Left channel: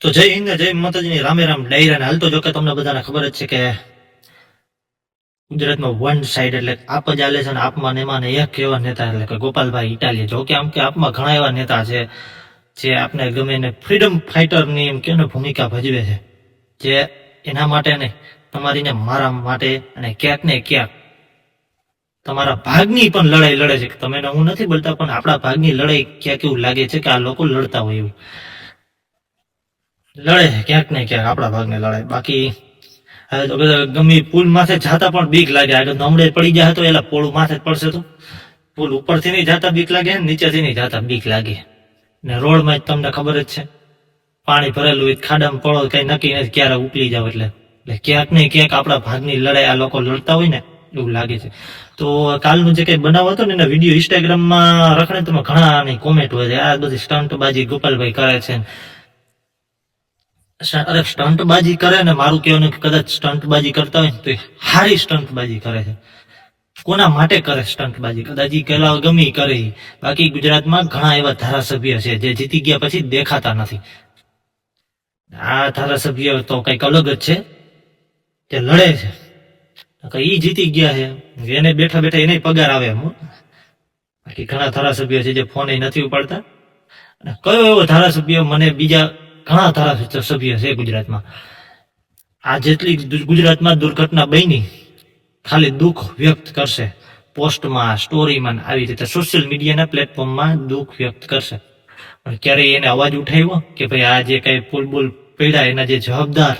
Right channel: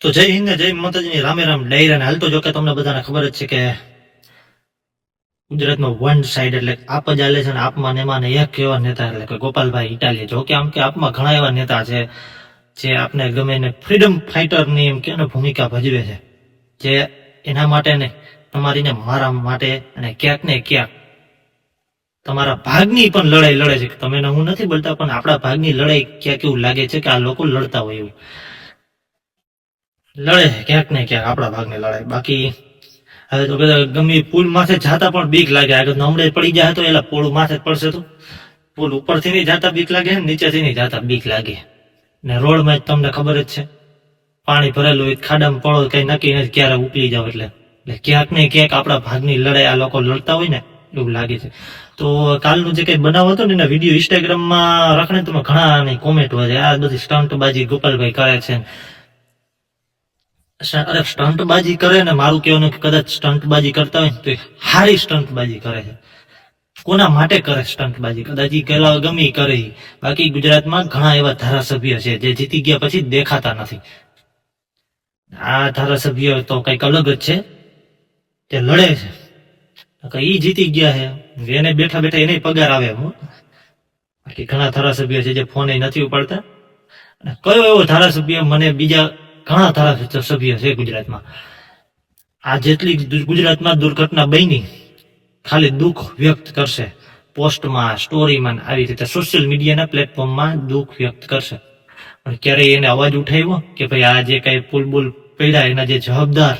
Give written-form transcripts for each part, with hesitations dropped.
તો જય હિન્દ ને જય માતાજીની રામે રામ ડાયરા ને હાલ તો જો કે તમને બધાને ખબર જ છે કે ગુજરાતમાં વન સાઈડ એટલે આપ જ ચાલે છે ને આપમાં ને એમાં ને એક એવા નેતા એટલે કે ગોપાલભાઈ ઇટાલિયા. જો કે આમ કે આપમાં ઘણા એવા નેતા છે જે આપને ગમે એને ફ્રીડમ ફાઈટરની એમ કે ભૂમિકા ભજવે છે, જે એના માટે નહીં તમારી ને મારા માટે અને ક્યાંક ને ક્યાંક તમારા ભાગની પણ લડાઈ લડે છે. તમે હું નથી બોલતા, પણ આપણા ભાગની લડાઈ ક્યાંક એવું લાગે છે કે આ લોકો લડતા હોય એવું લડે છે ક્યાંક ને ક્યાંક આપણા ભાગને લડાય. બાકી હવે તો ગમે પુલ માથે જાતા પણ બીક લાગે, આગળ નમડે પડી જાય તો એલા પુલ માથે જ પડશે, તો પુલ ઉપરથી નહીં જાતા બીક લાગે ને નીચેથી નહીં જાતા બીક લાગે. ને રોડમાં તમને ખબર જ છે પાણી ભરેલું હોય, ખાડામાં પડો કઈ નક્કી નથી ક્યારે ઉકલી જાવ, એટલે ક્યાંક ને ક્યાંક આપણા ભાગની લડાઈ આ લોકો લડતા હોય ને એવું લાગે છે. તો કાલનું જે કઈ બનાવ હતો ને એના વિડીયો ઇન્સ્ટાગ્રામમાં રખડે તમે ઘણા કોમેન્ટ હોય છે, આ બધી સ્ટન્ટબાજી ગોપાલભાઈ કરે છે. અરે સ્ટન્ટબાજી કરે ને, મારું કહેવાનું કે કદાચ સ્ટન્ટબાજી કરતા હોય ને તો હારી સ્ટન્ટબાજી કરે છે. કોના માટે કરે સ્ટન્ટબાજી? કદાચ ગમે કરે. બાકી ગુજરાતમાં ઘણા એવા ધારાસભ્ય છે જે જીતી ગયા પછી દેખાતા નથી. આ ધારાસભ્ય તો કઈક અલગ જ છે, જે લડે છે. ઈ જીતી ગયા છે, એને બેઠા બેઠા એને પગાર આવે. બાકી ઘણા ધારાસભ્ય છે જે ફોન નથી ઉપાડતા. કયો એવો ધારાસભ્ય મને બીજા ઘણા ધારાસભ્ય છે ગુજરાતમાં, આ જેટલી ગુજરાતમાં દુર્ઘટના બની ખાલી દુઃખ વ્યક્ત કરશે પોસ્ટમાં, સ્ટોરીમાં, આવી રીતે સોશિયલ મીડિયાના પ્લેટફોર્મમાં દુઃખ વ્યક્ત કરશે, પણ ક્યારેય એને અવાજ ઉઠાવ્યો કે ભાઈ આ જે કઈ પુલ બુલ પડ્યા એના જે જવાબદાર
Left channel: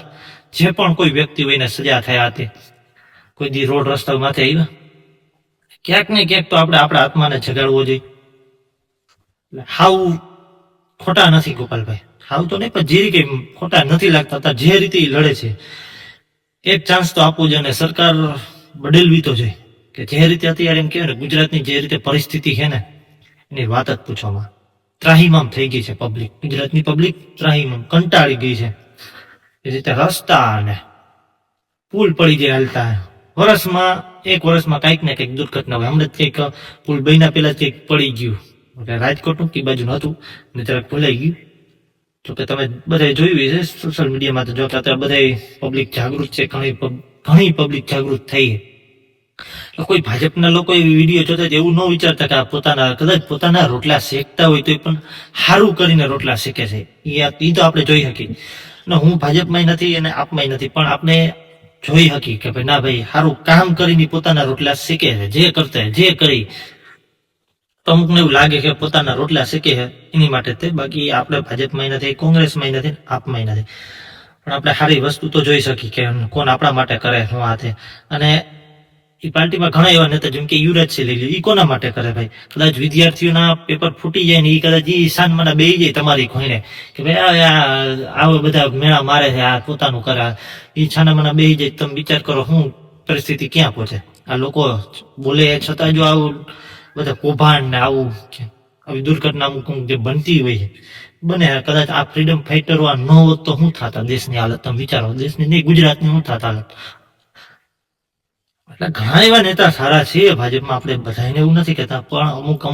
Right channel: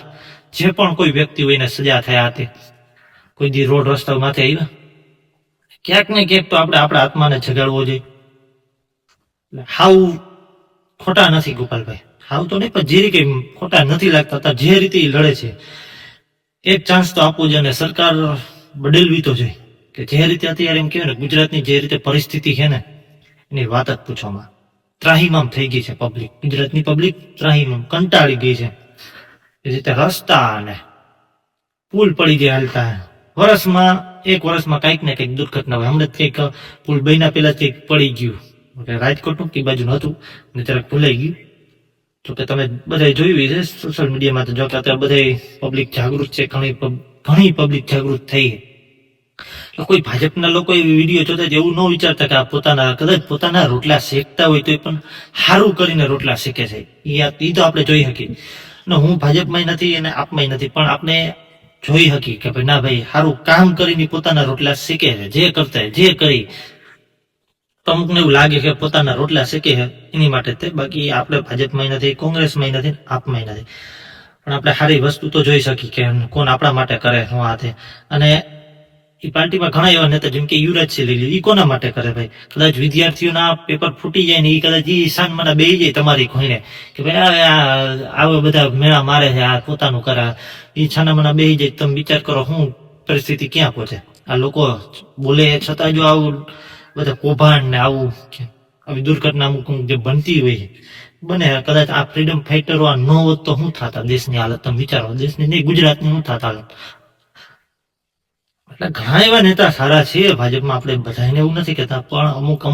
જે પણ કોઈ વ્યક્તિ હોય એને સજા થયા હતી, કોઈ દી રોડ રસ્તા માથે આવ્યા? ક્યાંક ને ક્યાંક તો આપણે આપણા આત્માને જગાડવો જોઈએ. હાવ ખોટા નથી ગોપાલભાઈ, હાવ તો નહીં પણ જે રીતે ખોટા નથી લાગતા, જે રીતે લડે છે એક ચાન્સ તો આપવો જોઈએ. અને સરકાર બદલવી તો જોઈએ કે જે રીતે અત્યારે એમ કહેવાય ને ગુજરાતની જે રીતે પરિસ્થિતિ છે ને એની વાત જ પૂછવામાં ત્રાહિમામ થઈ ગઈ છે પબ્લિક. ગુજરાતની પબ્લિક ત્રાહિમામ કંટાળી ગઈ છે. એ રીતે રસ્તા અને પુલ પડી જાય હાલતા, એક વર્ષમાં કંઈક ને કંઈક દુર્ઘટના હોય. હમણાં કંઈક પુલ બન્યા પહેલા કંઈક પડી ગયું, રાજકોટનું કે બાજુ નહોતું ને જરાક ભૂલાઈ ગયું. જોકે તમે બધા જોયું છે સોશિયલ મીડિયામાં, તો જોકે અત્યારે બધા પબ્લિક જાગૃત છે, ઘણી પબ્લિક જાગૃત થઈ છે. કોઈ ભાજપના લોકો એ વિડીયો જોતા એવું ન વિચારતા કે આ કદાચ પોતાના રોટલા શેકતા હોય તો પણ સારું કરીને રોટલા શેકે છે. એ તો આપણે જોઈ શકીએ ને. હું ભાજપમાં નથી અને આપમાં નથી, પણ આપણે જોઈ શકીએ કે ભાઈ ના ભાઈ સારું કામ કરીને પોતાના રોટલા શેકે છે, જે કરતા જે કરી. તો અમુકને એવું લાગે કે પોતાના રોટલા શેકે છે એની માટે તે. બાકી આપણે ભાજપમાં નથી, કોંગ્રેસમાં નથી, આપમાં નથી, પણ આપણે સારી વસ્તુ તો જોઈ શકીએ કે કોણ આપણા માટે કરે શું આ તે. અને એ પાર્ટીમાં ઘણા એવા નેતા જેમ કે યુવરાજસિંહ લઈ લ્યો, એ કોના માટે કરે ભાઈ? કદાચ વિદ્યાર્થીઓના પેપર ફૂટી જાય ને એ કદાચ એ સાનમાં બે જાય તમારી ખોઈને કે ભાઈ આવા બધા મેળા મારે છે, આ પોતાનું કરે, એ છાનામાના બે જાય. તમે વિચાર કરો શું પરિસ્થિતિ ક્યાં પહોંચે. આ લોકો બોલે છતાં જો આવું બધા કૌભાંડ ને આવું આવી દુર્ઘટના અમુક જે બનતી હોય બને, કદાચ આ ફ્રીડમ ફાઈટરો આ ન હોત તો શું થતા દેશની હાલત? તમે વિચારો, દેશની નહીં ગુજરાતની શું થતા હાલત. એટલે ઘણા એવા નેતા સારા છે ભાજપમાં, આપણે બધાને એવું નથી કહેતા, પણ અમુક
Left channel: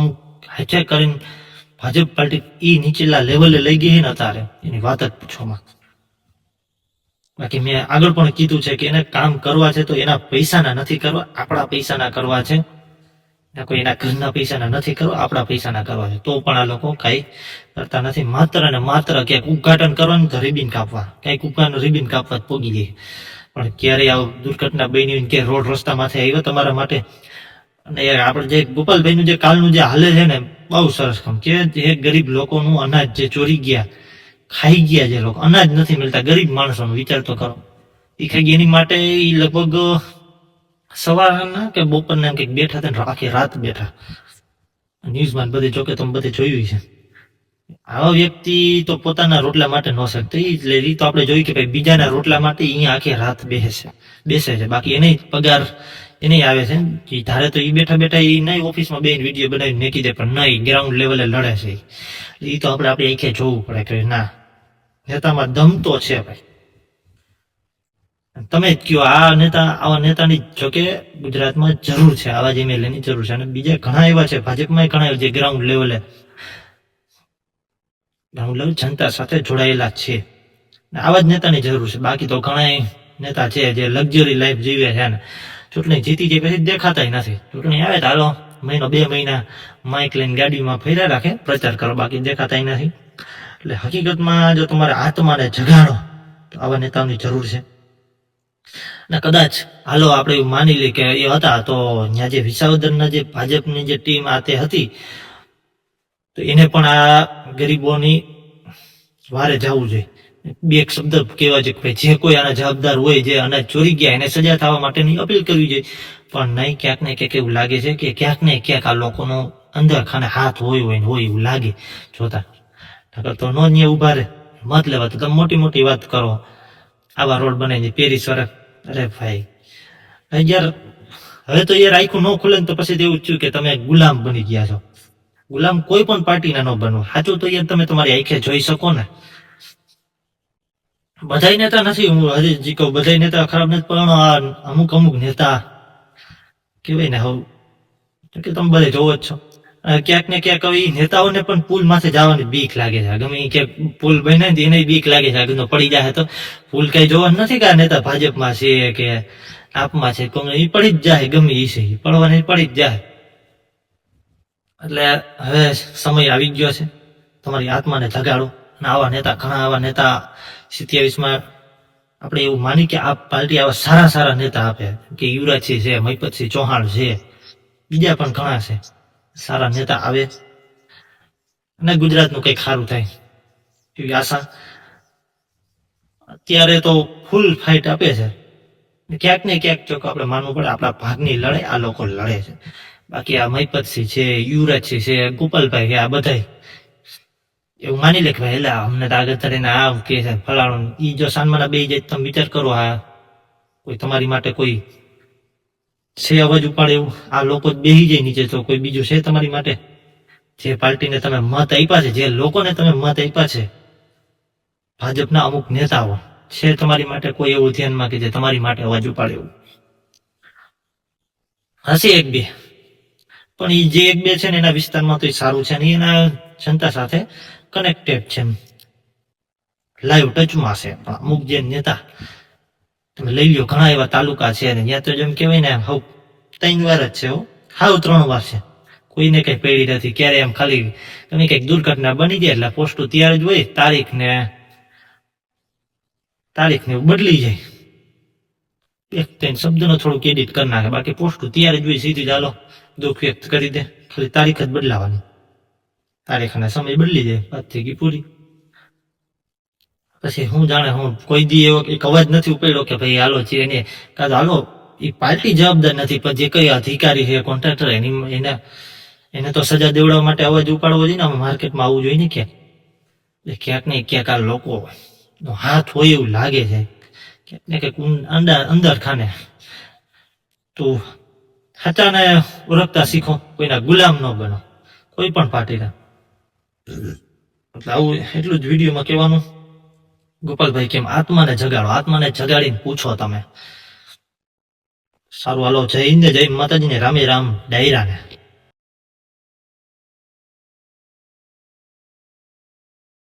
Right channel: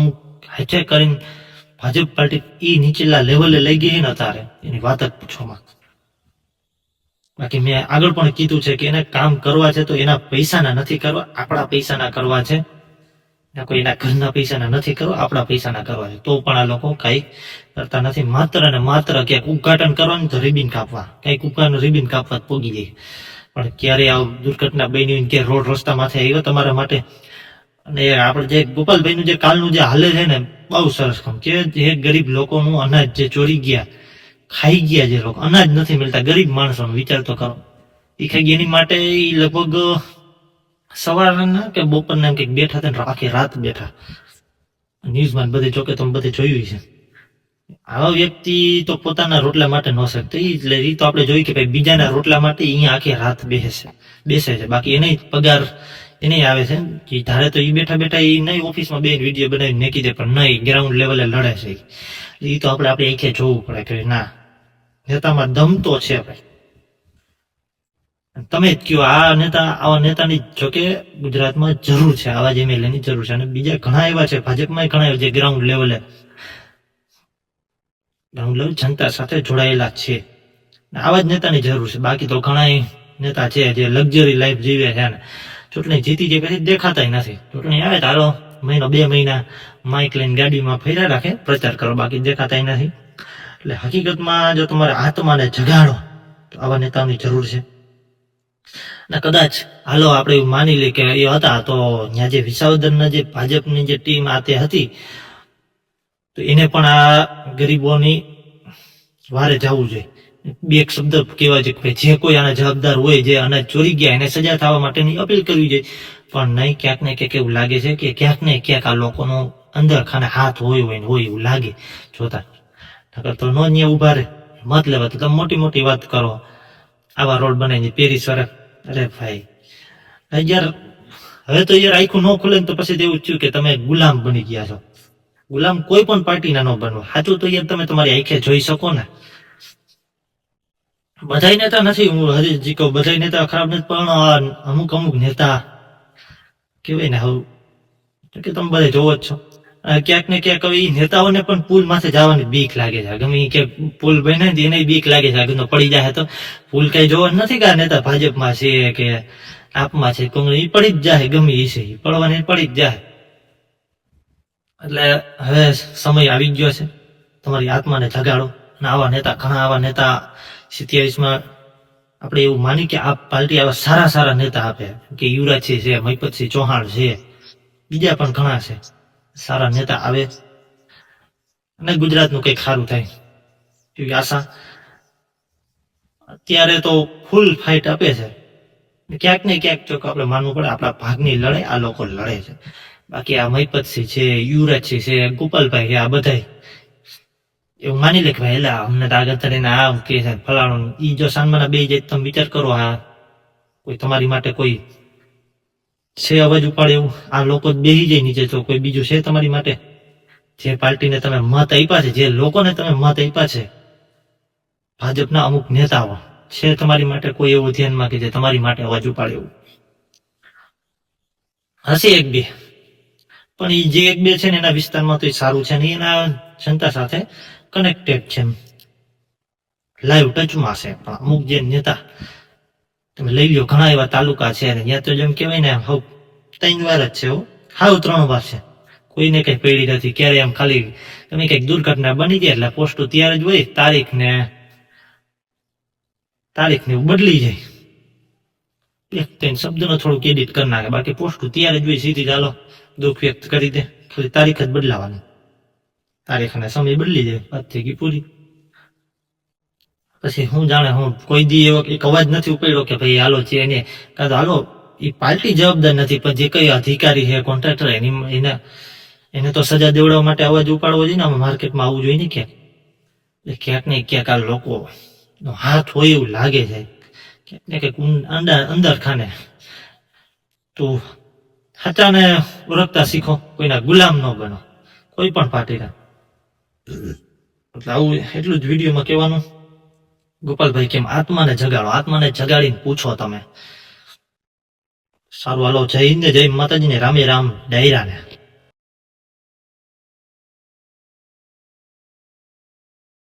હાઈચેક કરીને ભાજપ પાર્ટી એ નીચેલા લેવલે લઈ ગઈ ને અત્યારે એની વાત જ પૂછવામાં. બાકી મેં આગળ પણ કીધું છે કે એને કામ કરવા છે તો એના પૈસાના નથી કરવા, આપણા પૈસાના કરવા છે. કોઈ એના ઘરના પૈસાના નથી કરવા, આપણા પૈસાના કરવા છે. તો પણ આ લોકો કઈ કરતા નથી. માત્ર ને માત્ર ક્યાંક ઉદઘાટન કરવાનું તો રિબિન કાપવા, કઈક ઉપરનું રિબિન કાપવા જ પોગી જાય. પણ ક્યારે આ દુર્ઘટના બની કે રોડ રસ્તા માથે આવ્યો તમારા માટે? અને આપણે જે ગોપાલભાઈનું જે કાલનું જે હાલે છે ને બહુ સરસ કામ કે જે ગરીબ લોકોનું અનાજ જે ચોરી ગયા, ખાઈ ગયા, જે લોકો અનાજ નથી મળતા, ગરીબ માણસોનો વિચાર તો કરો. એ ખાઈ ગયા એની માટે એ લગભગ સવારના કે બપોરના કંઈક બેઠા હતા ને આખી રાત બેઠા. ન્યૂઝમાં બધે જોકે તમે બધે જોયું છે. આવા વ્યક્તિ તો પોતાના રોટલા માટે ન શકતો, એ તો આપણે જોયું કે ભાઈ બીજાના રોટલા માટે અહીંયા આખી રાત બેસે છે. બાકી એને પગાર એને આવે છે કે ધારે તો એ બેઠા બેઠા એ નહીં ઓફિસમાં બે વિડીયો બનાવીને મેકી દે, પણ નહીં ગ્રાઉન્ડ લેવલે લડે છે. એ તો આપણે આપણી આંખે જોવું પડે કે ના નેતામાં દમ તો છે ભાઈ. તમે જ કયો આવા નેતાની જોકે ગુજરાતમાં જરૂર છે, આવા જ એમએલએની જરૂર છે. અને બીજા ઘણા એવા છે ભાજપમાં, ઘણા એવા જે ગ્રાઉન્ડ લેવલ જનતા સાથે જોડાયેલા છે. ને આવા જ નેતાની જરૂર છે. બાકી તો ઘણા નેતા છે જે લક્ઝરી લાઈફ જીવે છે ને ચૂંટણી જીતી જાય પછી દેખાતા નથી. ચૂંટણી આવે તો હાલો મહિનો 2 મહિના માઇક લઈને ગાડીમાં ફર્યા રાખે, પ્રચાર કરો, બાકી દેખાતા નથી. એટલે હકીકતમાં જો તમારે આત્માને જગાડો તો આવા નેતાઓની જરૂર છે. અને કદાચ હાલો આપણે એવું માની લઈએ કે એ હતા તો ત્યાં જે વિસાવદરના જે ભાજપની જે ટીમ આ તે હતી તો એને પણ આ ગરીબોની વારે જવું જોઈએ. બે એક શબ્દ કહેવા છે કે ભાઈ જે કોઈ આના જવાબદાર હોય, જે અનાજ ચોરી ગયા એને સજા થવા માટેની અપીલ કરવી જોઈએ. પણ નહીં, ક્યાંક ને ક્યાંક એવું લાગે છે કે ક્યાંક ને ક્યાંક આ લોકોનો અંદર ખાને હાથ હોય એવું લાગે જોતા. નકર તો નો ન્યા ઉભા રહે મત લેવા તો તમે મોટી મોટી વાત કરો, આવા રોડ બનાવી પેરિસ વાળા. અરે ભાઈ યાર, હવે તો યાર આખું ન ખુલે ને તો પછી એવું થયું કે તમે ગુલામ બની ગયા છો. ગુલામ કોઈ પણ પાર્ટીના ન બનવો. સાચું તો યાર તમે તમારી આંખે જોઈ શકો ને. બધાય નેતા નથી, હું હજી જી કહું, બધાય નેતા ખરાબ નથી, પણ અમુક નેતા કેવાય ને હવે કે તમે બધે જોવો જ છો. ક્યાંક ને ક્યાંક હવે નેતાઓને પણ પુલ માથે જવાની બીક લાગે છે. ગમે કે પુલ બને એને બીક લાગે છે કે પડી જાય તો પુલ કઈ જોવાનું નથી કે આ નેતા ભાજપમાં છે કે આપમાં છે, કોંગ્રેસ, એ પડી જ જાય, ગમે એ છે એ પડવાની પડી જ જાય. એટલે હવે સમય આવી ગયો છે, તમારી આત્માને જગાડો. અને આવા નેતા, ઘણા આવા નેતા 27માં આપણે એવું માની કે આ પાર્ટી આવા સારા નેતા આપે કે યુવરાજસિંહ છે, મહિપતસિંહ ચૌહાણ છે, બીજા પણ ઘણા છે સારા નેતા આવે અને ગુજરાતનું કંઈક સારું થાય એવી આશા. અત્યારે તો ફૂલ ફાઇટ આપે છે. ક્યાંક ને ક્યાંક જો આપણે માનવું પડે આપણા ભાગની લડાઈ આ લોકો લડે છે. બાકી આ મહિપતસિંહ છે, યુવરાજસિંહ છે, ગોપાલભાઈ છે, આ બધા એવું માની લે કે ભાઈ એટલે અમને તો આગળ ચડીને આ કે છે ફલાણું. ઈ જો સાનમાના બે જાય તમે વિચાર કરો, આ કોઈ તમારી માટે કોઈ છે અવાજ ઉપાડે એવું? આ લોકો જ બેસી જાય નીચે તો કોઈ બીજું છે તમારી માટે? જે પાર્ટીને તમે મત આપ્યા છે, જે લોકોને તમે મત આપ્યા છે, ભાજપના અમુક નેતાઓ છે તમારી માટે કોઈ એવું ધ્યાનમાં કે જે તમારી માટે અવાજ ઉપાડે એવું? હશે એક બે, પણ એ જે એક બે છે ને એના વિસ્તારમાં તો સારું છે ને એના જનતા સાથે કનેક્ટેડ છે, લાઈવ ટચમાં છે. પણ અમુક જે નેતા તમે લઈ લો, ઘણા એવા તાલુકા છે ને ત્યાં તો જેમ કહેવાય ને હવ 3 વાર જ છે, હાવ 3 વાર છે, કોઈને કઈ પડી નથી. ક્યારે એમ ખાલી તમે કઈક દુર્ઘટના બની જાય એટલે પોસ્ટ ત્યારે જ હોય, તારીખ ને એવું બદલી જાય, એક ત્રણ શબ્દનો થોડુંક એડિટ કરી નાખે, બાકી પોસ્ટ ત્યારે જ હોય સીધી. ચાલો દુઃખ વ્યક્ત કરી દે, ખાલી તારીખ જ બદલાવાની, તારીખ અને સમય બદલી દે, વાત થઈ ગઈ પૂરી. પછી હું જાણે હું કોઈ દી એવો એક અવાજ નથી ઉપાડ્યો કે ભાઈ હાલો છે એને કાં તો હાલો એ પાર્ટી જવાબદાર નથી, પણ જે કઈ અધિકારી છે, કોન્ટ્રાક્ટર, એને તો સજા દેવડાવવા માટે અવાજ ઉપાડવો જોઈએ ને. માર્કેટમાં આવવું જોઈએ ને ક્યાંક. એટલે ક્યાંક ને ક્યાંક આ લોકો હાથ હોય એવું લાગે છે, ક્યાંક ને ક્યાંક અંદર ખાને. તો સાચાને ઓળખતા શીખો, કોઈના ગુલામ ન બનો, કોઈ પણ પાર્ટીના. એટલે આવું એટલું જ વિડીયોમાં કહેવાનું. ગોપાલભાઈ કેમ આત્માને જગાડો, આત્માને જગાડીને પૂછો તમે. સારું હાલો, જય હિન્દ, જય માતાજી ને રામે રામ ડાયરાને.